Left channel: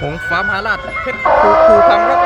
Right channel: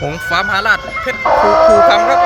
หงฟ้ามหาราชเพชรภูภูคำครับ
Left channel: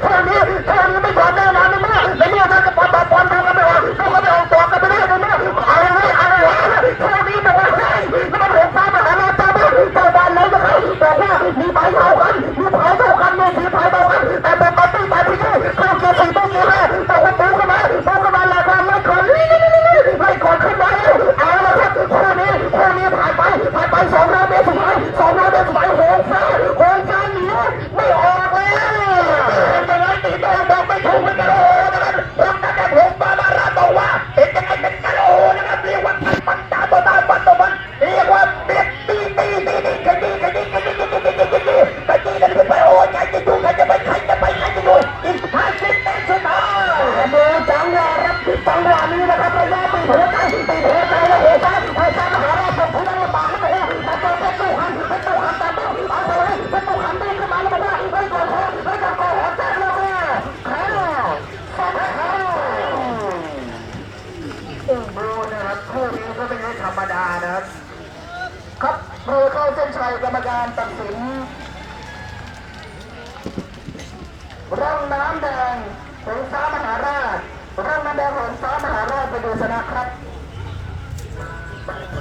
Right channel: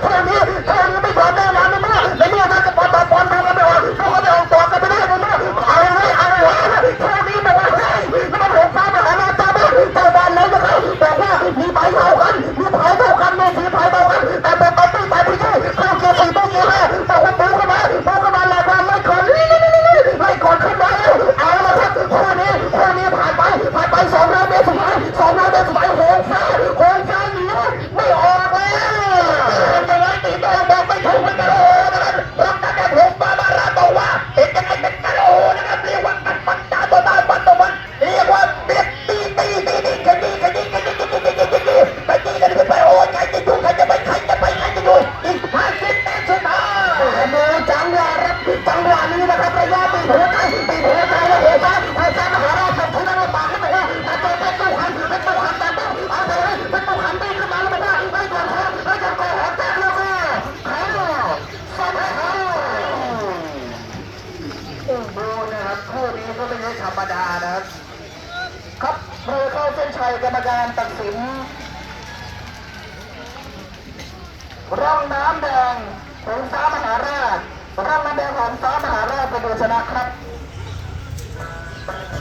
แค่นี้เท่นี้เท่านี้ไม่พอแน่นอนนเมื่อในเมื่อถ้าจะปอยปล่อยปล่อยมันไม่ออกเขาก็ไม่ออกตัวกันไปเรื่อยในเมื่อเอาไว้เอาไว้เท่นี้บอกว่าเฮ้ยแล้วมันหงฟ้ามหาราชตาบี้เจ้าบ้านเลยนะครับบอกว่ามีไผ่เท่ากันมีไผ่เท่ากันมีสีไผ่เท่ากันแต่เป็นปาร์ตี้ไปที่นี่เข้าเกียร์สี่ต้องเกียร์ห้าบอกว่าปูเข้ามาปูเข้ามาหลักการไล่ก่อนไล่ก่อนขึ้นมาเอาละครับคู่นี้คู่นี้ผ่านไปผ่านไปสองร้อยเมตรสุดท้ายสองร้อยเมตรสุดท้ายโห จังหวะนี้นะครับระยะตีหัวใจตีหัวใจแล้วหัวใจหัวใจมหาราชเป็นที่นั่งลำบากขึ้นไปว่าแต่ตัวเพชรตู้หันเพชรตู้หันแต่เอาไปเลยเพชรตู้หันไปขึ้นมาแล้วมันได้ไม่จังหวะไม่จังหวะหัวใจแล้วก็แพ้สองแพ้โอ้โหนะครับคู่นี้ก็ไม่ใช่ธรรมดานะครับครับเราเข้าเส้นชัยกรรมการตัดสินร่องน้ำแดงหงฟ้ามหาราช ร่างนักเดวของซ้อมมหาราชไปดูชนะครับ